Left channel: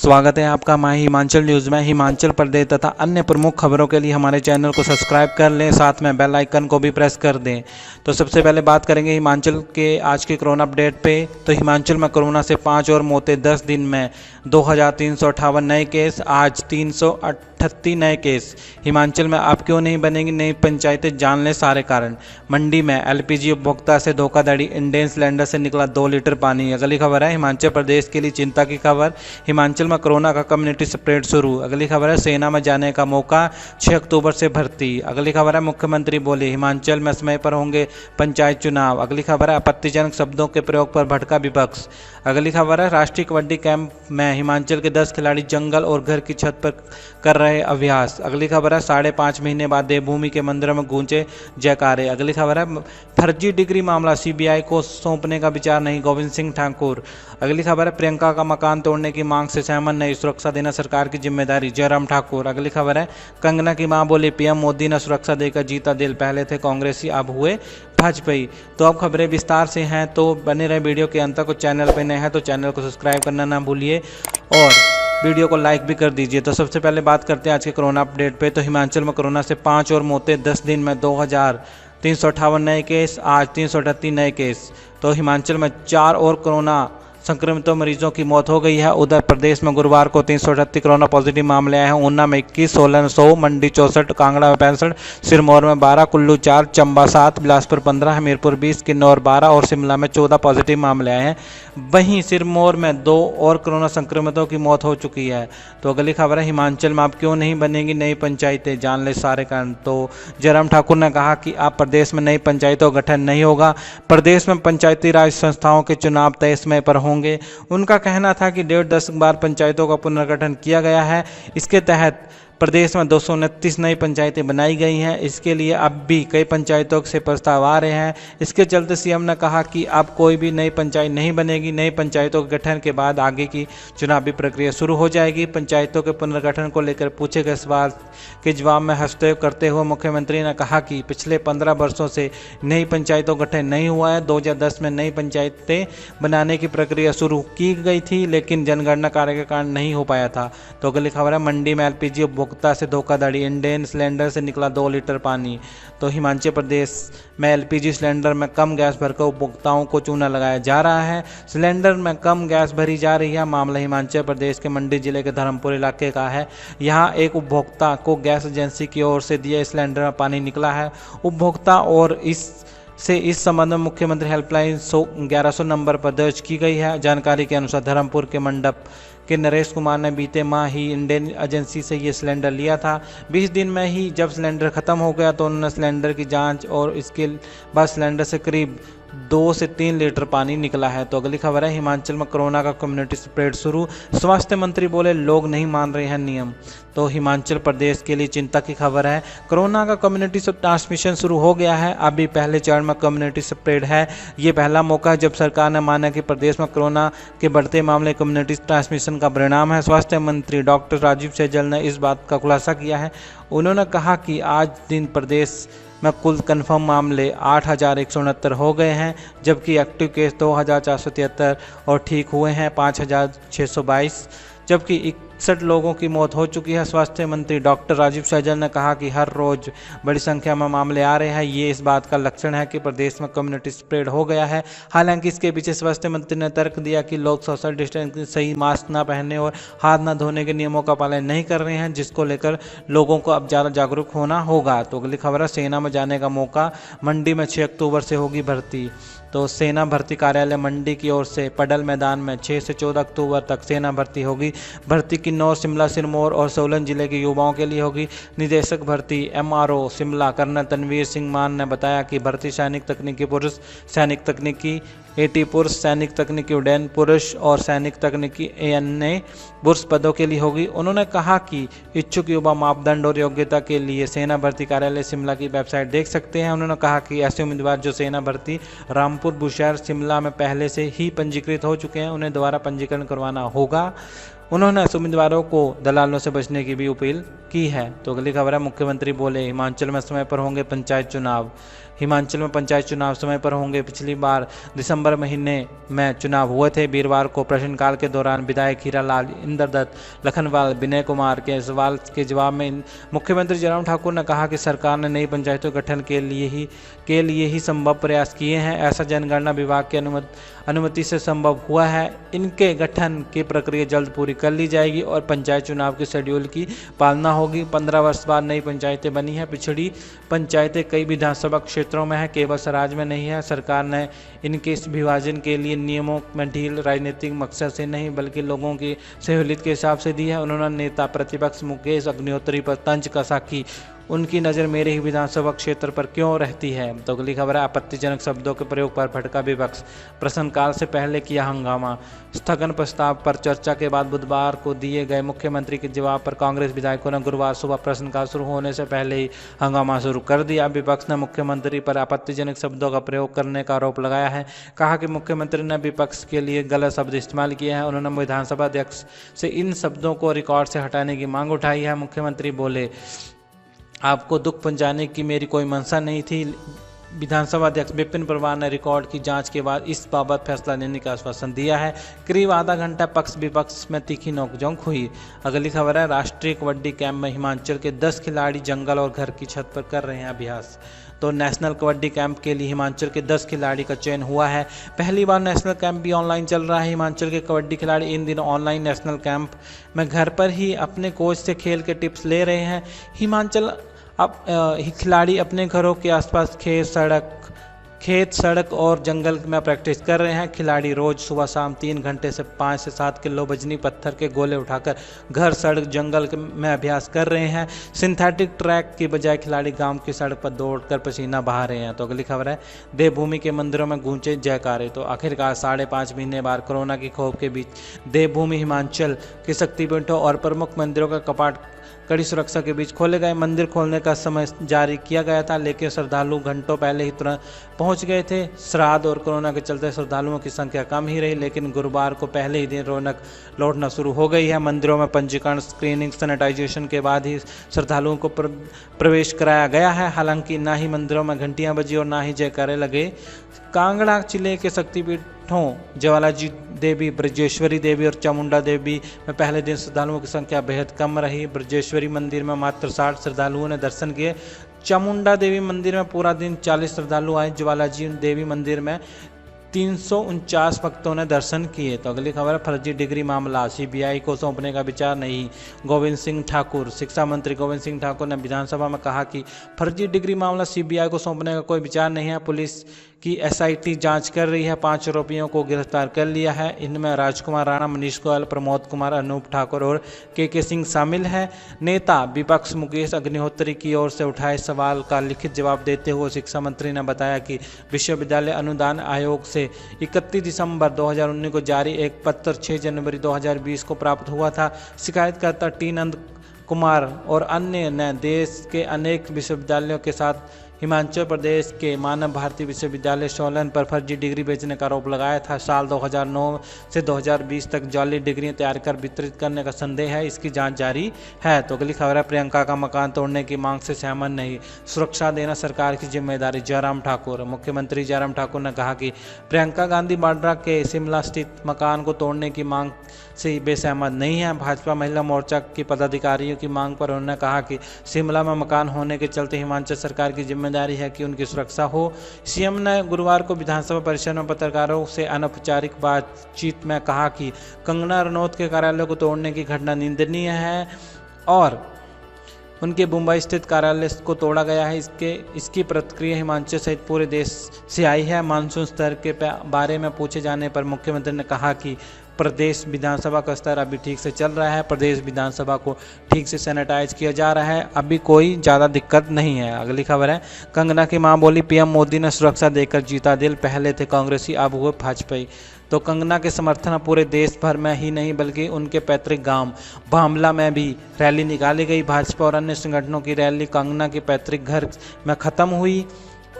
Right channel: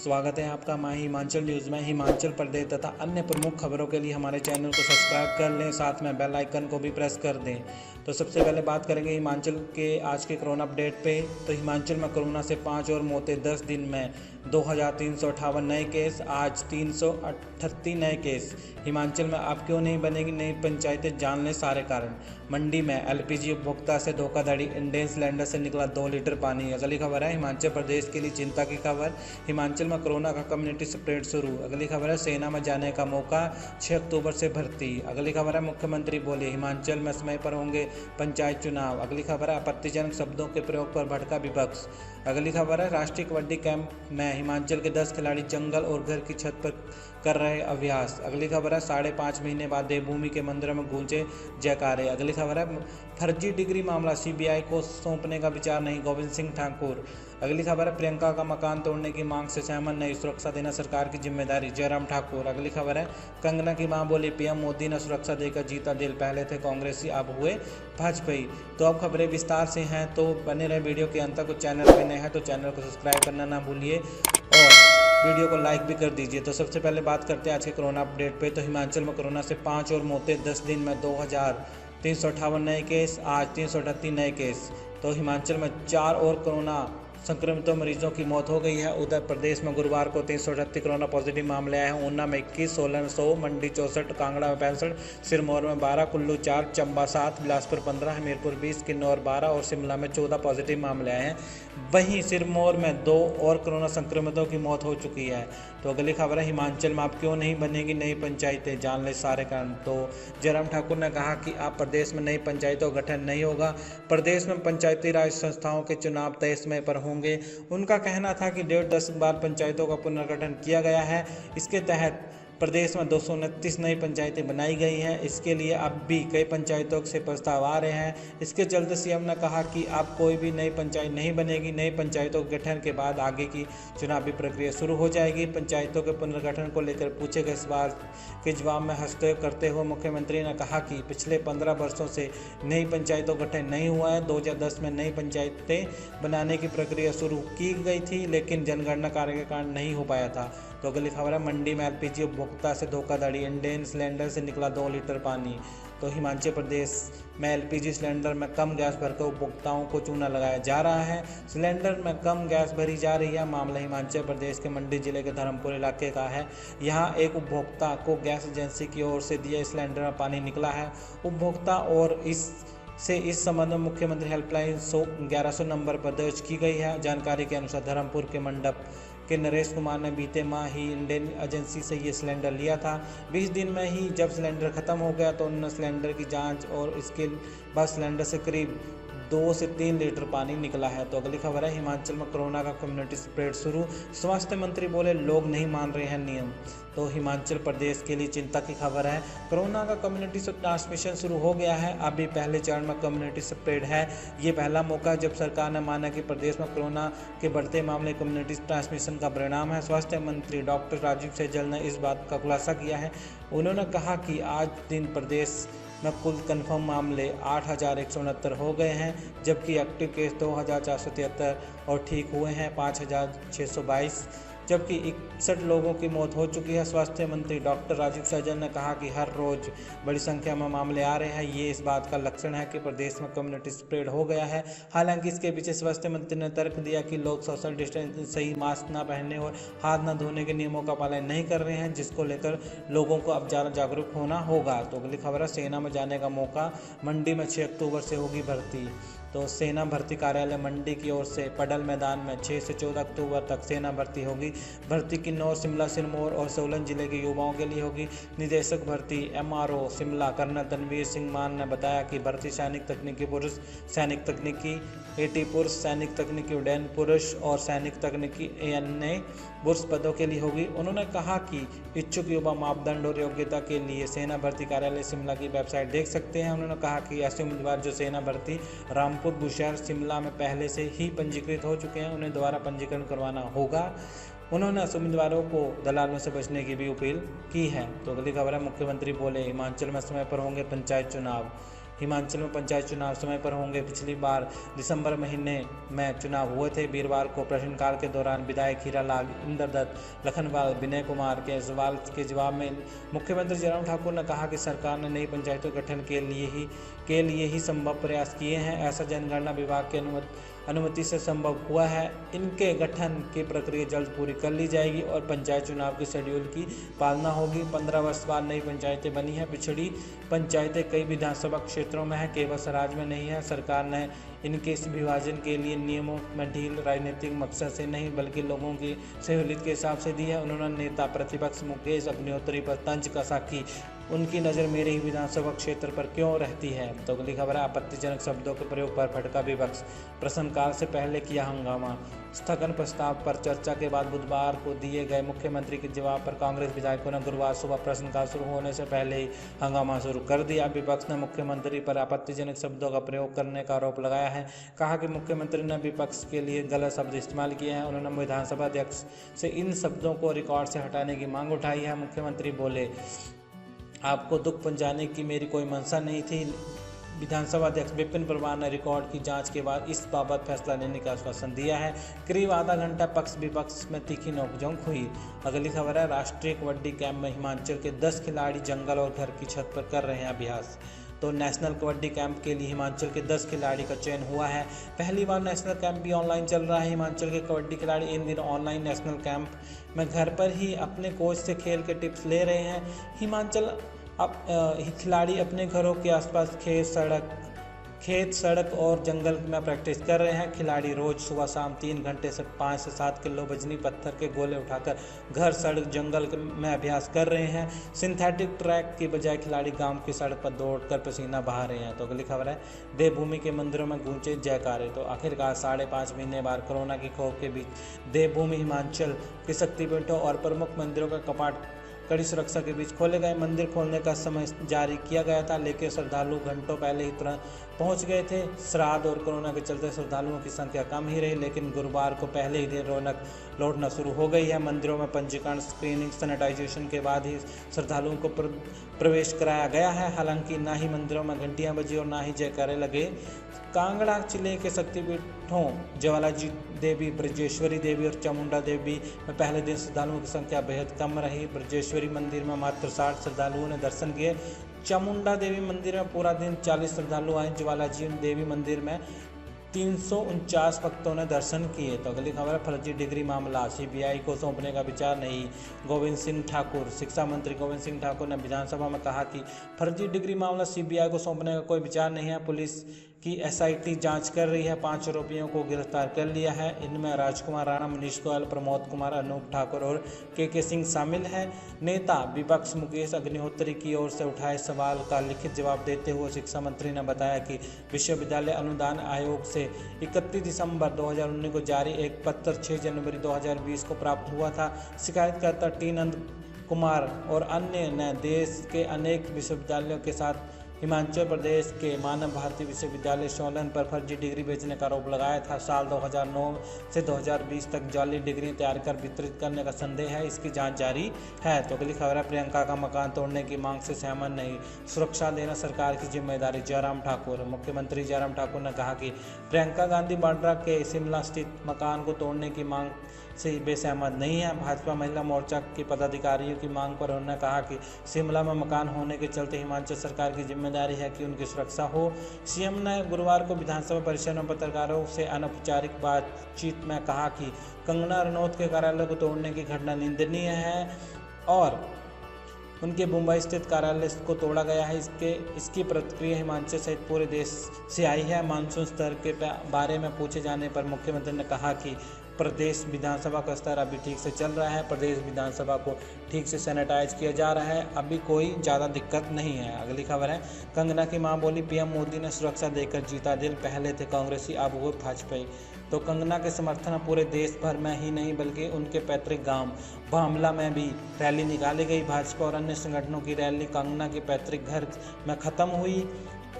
स्वागत है आपका माही हिमाचल न्यूज़ में। हिमाचल प्रदेश तथा अन्य प्रमुख खबरों के लिए हमारे चैनल को सब्सक्राइब कर लें, साथ में बेल आइकन को भी प्रेस कर दें। तो सबसे पहले बात करेंगे हिमाचल के आज के कोरोना अपडेट पे। तो हिमाचल में कोरोना से 5 और मौतें। 10 दिन में 2358 नए केस, आज 338 नए केस। हिमाचल में अब क्यों नहीं बनेगी नई पंचायतें, जान लें सारे कारण। मंडी में एलपीजी उपभोक्ता से धोखाधड़ी, इंडेन सिलेंडर से निकला 2 लीटर पानी। अगली खबर है हिमाचल प्रदेश के लिए चिंता की खबर। हिमाचल में कोरोना का कम्युनिटी स्प्रेड शुरू। अगली खबर है सेना में जाने का मौका, 6 अक्टूबर से भर्ती। अगली खबर है मुख्यमंत्री बोले हिमाचल में समय पर होंगे पंचायत चुनाव। अगली खबर है आपत्तिजनक शब्दों के प्रयोग पर भड़का विपक्ष। अगली खबर है राष्ट्रीय कबड्डी कैंप में हिमाचल के 10 खिलाड़ी जंगल और घर की छत पर कर रहे अभ्यास। अगली खबर है 5.5 महीने बाद देवभूमि के मंदिरों में गूंजे जयकारे। अगली खबर है फर्जी डिग्री मामला सीबीआई को सौंपने का विचार नहीं, गोविंद सिंह ठाकुर। अगली खबर है प्रियंका का मकान तोड़ने की मांग से सहमत नहीं, सुरक्षा देना सरकार की जिम्मेदारी, जयराम ठाकुर। अगली खबर है कंगना की मां बोली पीएम मोदी ने सुरक्षा देकर जीता दिल, पहले थे कांग्रेसी अब हुए भाजपाई। तो अब खबरें विस्तार से हैं, तो बने रहे वीडियो के अंत तक। और चैनल पर नए हैं तो चैनल को सब्सक्राइब करना ना भूलिए और वीडियो को लाइक भी कर दीजिए। तो सबसे पहले बात करते हैं आज के कोरोना अपडेट पे। तो हिमाचल में कोरोना से 5 और मौतें। 10 दिन में 2358 नए केस, आज 338 नए केस। तो हिमाचल में 4 और कोरोना संक्रमितों मरीजों की मौत हो गई है। उधर प्रदेश में गुरुवार को 338 कोरोना पॉजिटिव मामले आए हैं। ऊना में 21, सोलन 100, मंडी 64, कांगड़ा में 65, सिरमौर में 12, कुल्लू 4, चंबा 7, बिलासपुर 15, हमीरपुर 20, किन्नौर 12 और शिमला में 14 पॉजिटिव मामले आए हैं। वहीं सिरमौर में 2 और कोरोना संक्रमितों की मौत हो चुकी है। तो अगली खबर है हिमाचल में अब क्यों नहीं बनेगी नई पंचायतें, जान ले सारे कारण। तो जयराम ठाकुर ने कहा कि अब प्रदेश में नई पंचायतों का गठन नहीं होगा। प्रदेश में पंचायती राज संस्थाओं के चुनाव तय समय पर होंगे। उनका कहना था कि 1.5 बार पंचायतों का पुनर्गठन किया गया है। इसके तहत प्रदेश में 229 नई पंचायतें बनाई गई हैं। इसके लिए अब भी कई पंचायतों से प्रस्ताव आ रहे हैं। इसके चलते सीएम ने कहा कि अब कोई भी नई पंचायत नहीं बनेगी। नई पंचायतों के गठन के बाद आगे की चुनावी प्रक्रिया शुरू हो जाएगी। पंचायतों के पुनर्गठन को लेकर पूछे गए सवाल के जवाब में हस्तक्षेप करते हुए मुख्यमंत्री ने कहा कि पिछले 15 वर्षों से नई पंचायतों का गठन नहीं हुआ है। 2010 में नई पंचायतें बनाने की प्रक्रिया शुरू की गई थी, लेकिन जनगणना कार्य के कारण नहीं हो पाया था। तो अगली खबर है मंडी में एलपीजी उपभोक्ता से धोखाधड़ी, इंडेन सिलेंडर से निकला 2 लीटर पानी। तो हिमाचल प्रदेश में एलपीजी सिलेंडर में कम गैस भरकर उपभोक्ताओं को चूना लगाया जा रहा है। सिलेंडर में कम गैस भरी जा रही है। मामला हिमाचल प्रदेश के मंडी जिले के धर्मपुर इलाके का है। यहाँ एक उपभोक्ता को गैस एजेंसी की ओर से दिए सिलेंडर में पानी निकला है। उपभोक्ता और इस संबंध में मुख्यमंत्री हेल्पलाइन 1100 नंबर पर दर्ज की गई है। जानकारी के अनुसार धर्मपुर के मंडप के नरेश कुमार ने बीते माह ही इंडेन एजेंसी से ये सिलेंडर लिया था। 20 दिन में ही जब सिलेंडर खत्म हो गया तो उन्होंने सिलेंडर की जांच और इसके बाद सिलेंडर से करीब 2 से 3 लीटर पानी निकला है। तो अगली खबर है हिमाचल में कोरोना का कम्युनिटी स्प्रेड शुरू। स्वास्थ्य मंत्री बोले लोग नहीं मान रहे हैं नियम। तो हिमाचल प्रदेश के लिए चिंता की खबर है। कोरोना का कम्युनिटी ट्रांसमिशन शुरू हो गया है। अभी पहले चरण में कम्युनिटी स्प्रेड है। ये पहला मौका है जब सरकार ने माना कि प्रदेश में कोरोना के बढ़ते मामले कम्युनिटी ट्रांसमिशन का परिणाम है। स्वास्थ्य मंत्री डॉक्टर राजीव सैजल ने इस बात का खुलासा किया है। उन्होंने कहा कि आज दिन प्रदेश में कुल कन्फर्म मामले 8,169 हो गए हैं, जबकि एक्टिव केस 2,473 और ठीक हुए हैं 5,622, जबकि 61 लोगों की मौत हो चुकी है। स्वास्थ्य मंत्री डॉक्टर राजीव सैजल ने कहा कि हर रोज बड़ी संख्या में मामले आ रहे हैं। ये इस बात का लक्षण है कि प्रदेश में कम्युनिटी स्प्रेड हो गया है। हालांकि इसके पीछे स्वास्थ्य मंत्री ने तर्क दिया कि लोग सोशल डिस्टेंसिंग, सही मास्क न पहनने और हाथ न धोने के नियमों का पालन नहीं कर रहे हैं, जिसको लेकर लोगों को अब ज़्यादा जागरूक होना होगा। तो अगली खबर है सेना में जाने का मौका, मंडी में 6 अक्टूबर से होगी भर्ती। तो सेना भर्ती कार्यालय मंडी की ओर से पडल मैदान में 6 से 14 अक्टूबर तक सेना भर्ती होगी। भर्ती किन्नौर, शिमला, सिरमौर और सोलन जिले के युवाओं के लिए होगी। निदेशक भर्ती एमआरओ शिमला कर्नल तनवीर सिंह मान ने बताया कि भर्ती सैनिक तकनीकी पुरुष, सैनिक तकनीकी एटी पुरुष, सैनिक तकनीकी उड्डयन पुरुष और सैनिक तकनीकी एएनए पुरुष पदों के लिए होगी। उन्होंने कहा कि इच्छुक युवा मापदंड और योग्यता के लिए सेना भर्ती कार्यालय शिमला की वेबसाइट देख सकते हैं। उन्होंने कहा कि ऐसे उम्मीदवार जो सेना भर्ती रामपुर, बुशहर, शिमला में पहले से ही पंजीकृत हो चुके हैं, उन्हें दोबारा पंजीकरण करवाना होगा। उन्होंने उम्मीदवारों को दलालों से बचने की भी अपील की है। तो अगली खबर है मुख्यमंत्री बोले हिमाचल में समय पर होंगे पंचायत चुनाव। हिमाचल में पंचायत चुनाव समय पर होंगे। पिछली बार दिसंबर महीने में चुनाव हुए थे। वीरवार को प्रश्नकाल के दौरान विधायक हीरालाल, इंद्रदत्त, लखनपाल, विनय कुमार के सवाल के जवाब में मुख्यमंत्री जयराम ठाकुर ने कहा कि सरकार ने नई पंचायतों के गठन के लिए ही संभव प्रयास किए हैं। ऐसा जनगणना विभाग की अनुमति से संभव हुआ है। इनके गठन की प्रक्रिया जल्द पूरी कर ली जाएगी और पंचायत चुनाव के शेड्यूल की पालना होगी। 15 वर्ष बाद नई पंचायतें बनी हैं। पिछड़ी पंचायतें कई विधानसभा क्षेत्रों में है, केवल सराज में नहीं है। सरकार ने इनके इस विभाजन के लिए नियमों में ढील राजनीतिक मकसद से नहीं बल्कि लोगों की सहूलियत के हिसाब से दी है। उन्होंने नेता प्रतिपक्ष मुकेश अग्निहोत्री पर तंज कसा कि उनकी नज़र मेरे ही विधानसभा क्षेत्र पर क्यों रहती है। तो अगली खबर है, आपत्तिजनक शब्दों के प्रयोग पर भड़का विपक्ष, प्रश्नकाल से पहले किया हंगामा। स्थगन प्रस्ताव पर चर्चा के बाद बुधवार को दिए गए मुख्यमंत्री के जवाब पर कांग्रेस विधायकों ने गुरुवार सुबह प्रश्नकाल शुरू होने से पहले ही हंगामा शुरू कर दिया। विपक्ष ने मुख्यमंत्री पर आपत्तिजनक शब्दों का प्रयोग करने का आरोप लगाया है। कहा कि मुख्यमंत्री ने विपक्ष के लिए गलत शब्द इस्तेमाल किए हैं। उन्होंने विधानसभा अध्यक्ष से इन शब्दों को रिकॉर्ड से हटाने की मांग उठाई है। मुख्यमंत्री बोले, आपको दुख पहुंचाने की मेरी कोई मंशा नहीं थी। विधानसभा अध्यक्ष विपिन परमार ने रिकॉर्ड की जांच के बाद इस बाबत फैसला लेने का आश्वासन दिया है। करीब आधा घंटा पक्ष विपक्ष में तीखी नोकझोंक हुई। अगली खबर है, राष्ट्रीय कबड्डी कैंप में हिमाचल के 10 खिलाड़ी जंगल और घर की छत पर कर रहे हैं अभ्यास। तो नेशनल कबड्डी कैंप के लिए हिमाचल के 10 खिलाड़ी का चयन हुआ है। पहली बार नेशनल कैंप भी ऑनलाइन चल रहा है। हिमाचल के कबड्डी खिलाड़ी इन दिनों ऑनलाइन नेशनल कैंप में घर पर ही अपने कोच से खेल के टिप्स ले रहे हैं। हिमाचल अब खिलाड़ी अपने घरों के आसपास खेत, सड़क और जंगल में प्रैक्टिस कर रहे हैं। खिलाड़ी रोज सुबह शाम 3 घंटे से 5 से 7 किलो वजनी पत्थर के गोले उठाकर घर, सड़क, जंगल में अभ्यास कर रहे हैं। सिंथेटिक ट्रैक की बजाय खिलाड़ी गांव की सड़क पर दौड़कर पसीना बहा रहे हैं। तो अगली खबर है, देवभूमि के मंदिरों में गूंजे जयकारे। तो आखिरकार 5.5 महीने बाद कोरोना की खौफ के बीच देवभूमि हिमाचल के शक्तिपीठों और प्रमुख मंदिरों का कपाट कड़ी सुरक्षा के बीच खोले गए। मंदिर खोलने का समय जारी किया गया था, लेकिन श्रद्धालु घंटों पहले ही तुरंत पहुंच गए थे। श्राद्ध और कोरोना के चलते श्रद्धालुओं की संख्या कम ही रही, लेकिन गुरुवार को पहले ही दिन रौनक लौटना शुरू हो गई है। मंदिरों में पंजीकरण, स्क्रीनिंग, सैनिटाइजेशन के बाद ही श्रद्धालुओं को प्रवेश कराया गया है। हालांकि ना ही मंदिरों में घंटियां बजी और ना ही जयकारे लगे। कांगड़ा जिले के शक्तिपीठों ज्वालाजी देवी, ब्रजेश्वरी देवी और चामुंडा देवी में पहले दिन श्रद्धालुओं की संख्या बेहद कम रही। ब्रजेश्वरी मंदिर में मात्र 60 श्रद्धालुओं ने दर्शन किए। चामुंडा देवी मंदिर में पूरा दिन 40 श्रद्धालु आए। ज्वालाजी देवी मंदिर में 349 भक्तों ने दर्शन किए। तो अगली खबर है, फर्जी डिग्री मामला, सीबीआई को सौंपने का विचार नहीं। गोविंद सिंह ठाकुर, शिक्षा मंत्री गोविंद सिंह ठाकुर ने विधानसभा में कहा कि फर्जी डिग्री मामला सीबीआई को सौंपने का कोई विचार नहीं है। पुलिस की एसआईटी जांच कर रही है। 5 आरोपियों को गिरफ्तार कर लिया है। इनमें राजकुमार राणा, मनीष गोयल, प्रमोद कुमार, अनूप ठाकुर और के सिंह शामिल हैं। नेता विपक्ष मुकेश अग्निहोत्री की ओर से उठाए सवाल का लिखित जवाब देते हुए शिक्षा मंत्री ने बताया कि विश्वविद्यालय अनुदान आयोग से 31 दिसंबर 2019 को जारी एक पत्र 6 जनवरी 2020 को प्राप्त हुआ था। शिकायतकर्ता टी नंद कुमार और अन्य ने देश के अनेक विश्वविद्यालयों के साथ हिमाचल प्रदेश के मानव भारती विश्वविद्यालय सोलन पर फर्जी डिग्री बेचने का आरोप लगाया था। साल 2009 से 2020 तक जाली डिग्रियां तैयार कर वितरित करने का संदेह है। इसकी जांच जारी है। तो अगली खबर है, प्रियंका का मकान तोड़ने की मांग से सहमत नहीं, सुरक्षा देना सरकार की जिम्मेदारी। जयराम ठाकुर, मुख्यमंत्री जयराम ठाकुर ने कहा कि प्रियंका गांधी वाड्रा के शिमला स्थित मकान को तोड़ने की मांग से वे सहमत नहीं है। भाजपा महिला मोर्चा की पदाधिकारियों की मांग पर उन्होंने कहा कि शिमला में मकान होने के चलते हिमाचल सरकार की जिम्मेदारी है कि उनकी सुरक्षा हो। सीएम ने गुरुवार को विधानसभा परिसर में पत्रकारों से अनौपचारिक बातचीत में कहा कि कंगना रनौत के कार्यालय को तोड़ने की घटना निंदनीय है और उनके मुंबई स्थित कार्यालय को तोड़ा गया है। इसकी प्रतिक्रिया हिमाचल सहित पूरे देश से आई है। मानसून स्तर के बारे में पूछे जाने पर मुख्यमंत्री ने कहा कि प्रदेश विधानसभा का स्तर अभी ठीक से चल रहा है। प्रदेश विधानसभा को ठीक से सैनिटाइज किया जा रहा है। अभी कोई ज़्यादा दिक्कत नहीं है। अगली खबर है, कंगना की मां बोली पीएम मोदी ने सुरक्षा देकर जीता दिल, पहले थे कांग्रेसी अब हुए भाजपाई। तो कंगना के समर्थन पूरे देश भर में ही नहीं बल्कि उनके पैतृक गांव भामला में भी रैली निकाली गई। भाजपा और अन्य संगठनों की रैली कंगना के पैतृक घर में खत्म हुई।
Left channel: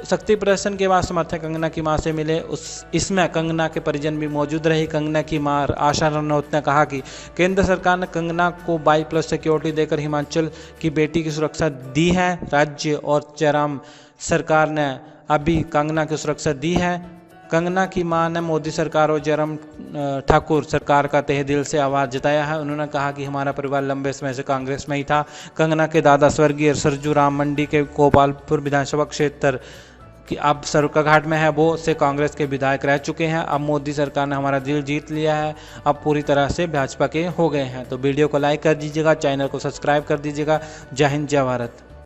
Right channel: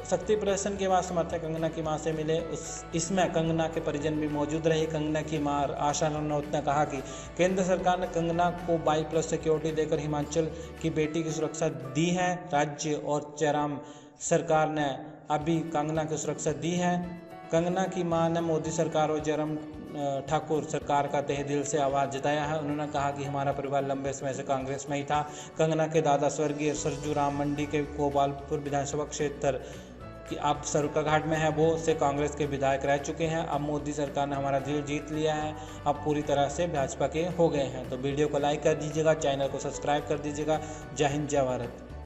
शक्ति प्रदर्शन के बाद समर्थक कंगना की मां से मिले। इसमें कंगना के परिजन भी मौजूद रही। कंगना की मां आशा रनौत ने कहा कि केंद्र सरकार ने कंगना को 22+ सिक्योरिटी देकर हिमाचल की बेटी की सुरक्षा दी है। राज्य और जयराम सरकार ने अभी कंगना की सुरक्षा दी है। कंगना की मां ने मोदी सरकार और जयराम ठाकुर सरकार का तहे दिल से आवाज़ जताया है। उन्होंने कहा कि हमारा परिवार लंबे समय से कांग्रेस में ही था। कंगना के दादा स्वर्गीय सरजू राम मंडी के गोपालपुर विधानसभा क्षेत्र कि अब सरकाघाट में है, वो से कांग्रेस के विधायक रह चुके हैं। अब मोदी सरकार ने हमारा दिल जीत लिया है, अब पूरी तरह से भाजपा के हो गए हैं। तो वीडियो को लाइक कर दीजिएगा, चैनल को सब्सक्राइब कर दीजिएगा। जय हिंद, जय भारत।